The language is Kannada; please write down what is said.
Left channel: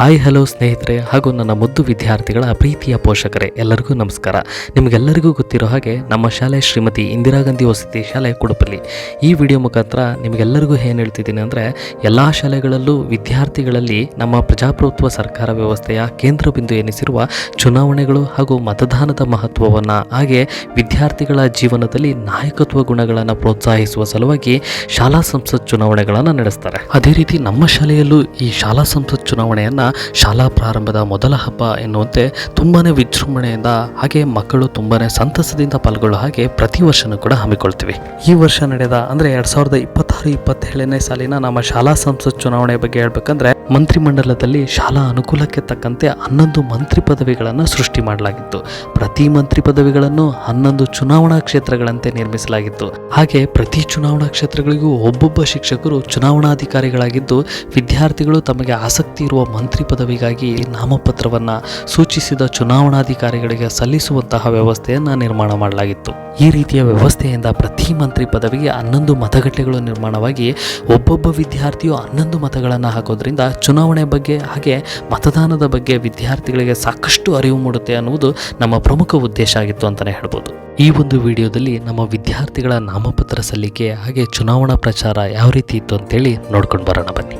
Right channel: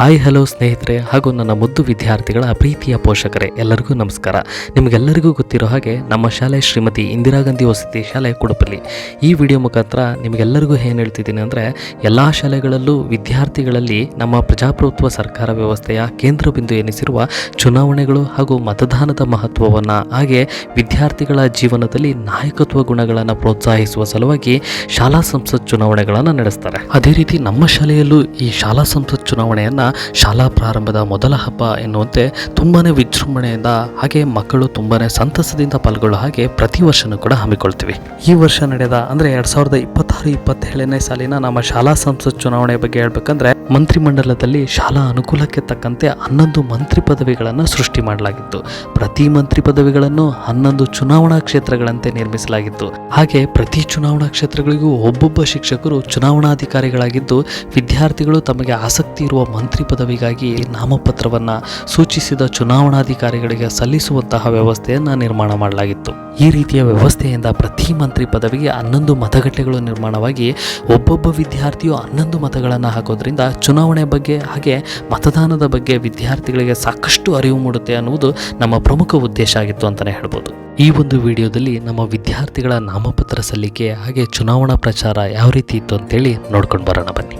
ಹಾಯ್ ಹಲೋ ಸ್ನೇಹಿತರೆ ಹಾಗೂ ನನ್ನ ಮುದ್ದು ವಿದ್ಯಾರ್ಥಿಗಳ ಪ್ರೀತಿಯ ಪೋಷಕರೇ ಎಲ್ಲರಿಗೂ ನಮಸ್ಕಾರ. ನಿಮಗೆಲ್ಲರಿಗೂ ಗೊತ್ತಿರೋ ಹಾಗೆ ನಮ್ಮ ಶಾಲೆ ಶ್ರೀಮತಿ ಇಂದಿರಾ ಗಾಂಧಿ ವಸತಿ ಶಾಲೆ ಕುಡುಪಲ್ಲಿ. ಈ ವಿಡಿಯೋ ಮುಖಾಂತರ ನಿಮಗೆಲ್ಲರಿಗೂ ಏನು ಹೇಳ್ತಿದ್ದೀನಿ ಅಂದರೆ, ಎಲ್ಲ ಶಾಲೆಗಳಲ್ಲೂ ವಿದ್ಯಾರ್ಥಿಗಳಲ್ಲಿ ನಮ್ಮ ಪ್ರಜಾಪ್ರಭುತ್ವ ಸರ್ಕಾರ ವ್ಯವಸ್ಥೆಯ ಕೇಂದ್ರ ಬಿಂದು ಎನಿಸಿರುವ ಚುನಾವಣೆಗಳು ಹಾಗೂ ಮತದಾನದ ಮಹತ್ವವನ್ನು, ಹಾಗೆ ವಿದ್ಯಾರ್ಥಿಗಳ ಜೀವನದಲ್ಲಿ ನಾಯಕತ್ವ ಗುಣಗಳನ್ನು ಪ್ರೋತ್ಸಾಹಿಸುವ ಸಲುವಾಗಿ ಶಾಲಾ ಸಂಸತ್ ಚುನಾವಣೆಗಳನ್ನು ನಡೆಸ್ತಾರೆ. ಅದೇ ರೀತಿ ನಮ್ಮ ಶಾಲೆಯಲ್ಲೂ ಈ ಶಾಲಾ ಸಂಸತ್ ಚುನಾವಣೆಯನ್ನು ಶಾಲಾ ಪ್ರಾರಂಭದ ಮೊದಲ ಹಬ್ಬ ಎನ್ನುವಂತೆ ತುಂಬಾನೇ ವಿಜೃಂಭಣೆಯಿಂದ, ಹಾಗೆ ಮಕ್ಕಳು ತುಂಬಾನೇ ಸಂತಸದಿಂದ ಪಾಲ್ಗೊಳ್ಳೋ ಹಾಗೆ ಪ್ರತಿ ವರ್ಷನೂ ಕೂಡ ಹಮ್ಮಿಕೊಳ್ತೀವಿ. ಈ ವರ್ಷ ನಡೆದ ಅಂದರೆ 2026-27ನೇ ಸಾಲಿನ ನಮ್ಮ ಶಾಲಾ ಸಂಸತ್ ಚುನಾವಣೆ ಬಗ್ಗೆ ಹೇಳ್ಬೇಕಂದ್ರೆ, ಮಂತ್ರಿಮಂಡಲದಲ್ಲಿ ಶಾಲಾ ಅನುಕೂಲಕ್ಕೆ ತಕ್ಕಂತೆ 11 ಮಂತ್ರಿ ಪದವಿಗಳನ್ನು ಸೃಷ್ಟಿ ಮಾಡಲಾಗಿತ್ತು. ಪ್ರತಿ ಮಂತ್ರಿ ಪದವಿಗಳನ್ನು 11 ಚುನಾವಣಾ ಕ್ಷೇತ್ರಗಳಂತೆ ನಿರ್ಮಿಸಲಾಗಿತ್ತು. ಹಾಗೆ ಪ್ರತಿ ಚುನಾವಣಾ ಕ್ಷೇತ್ರಗಳಿಗೂ ಒಬ್ಬೊಬ್ಬ ಶಿಕ್ಷಕರು ಚುನಾವಣಾಧಿಕಾರಿಗಳಾಗಿದ್ದು, ವಿದ್ಯಾರ್ಥಿಗಳು ತಮಗೆ ಆಸಕ್ತಿ ಇರುವ ಮಂತ್ರಿ ಪದವಿಗಾಗಿ ನಾಮಪತ್ರವನ್ನು ಸೂಚಿಸಿದ ಚುನಾವಣಾಧಿಕಾರಿಗಳಿಗೆ ಸಲ್ಲಿಸುವಂತಹ ವ್ಯವಸ್ಥೆಯನ್ನು ನಿರ್ಮಾಣ ಮಾಡಲಾಗಿತ್ತು. ಈ ರೀತಿಯ ವ್ಯವಸ್ಥೆಯಿಂದ ಪ್ರತಿ ಮಂತ್ರಿ ಪದವಿಗೆ 11 ಮತಗಟ್ಟೆಗಳು ನಿರ್ಮಾಣವಾಗಿ ಒಬ್ಬೊಬ್ಬ ವಿದ್ಯಾರ್ಥಿಯು 11 ಮತಗಳನ್ನು ಹಾಕೋದ್ರಿಂದ ಚುನಾವಣೆ ಬಗ್ಗೆ ಹಾಗೆ ಮತದಾನದ ಬಗ್ಗೆ ವಿದ್ಯಾರ್ಥಿಗಳಿಗೆ ಸಾಕಷ್ಟು ಅರಿವು ಮೂಡುತ್ತೆ ಅನ್ನುವುದು ನಮ್ಮ ಪ್ರಮುಖ ಉದ್ದೇಶ ಆಗಿತ್ತು ಅಂತಲೇ ಹೇಳ್ಬೋದು. ಈ ಒಂದು ವಿಡಿಯೋದಲ್ಲಿ ನಮ್ಮ ವಿದ್ಯಾರ್ಥಿಗಳ ನಾಮಪತ್ರ ಸಲ್ಲಿಕೆ ಹಾಗೆ ಚುನಾವಣಾ ಪ್ರಚಾರ ಯಾವ ರೀತಿ ಇತ್ತು ಅಂತೇಳಿ ನೋಡ್ಕೊಂಡು ಬರೋಣ ಬನ್ನಿ.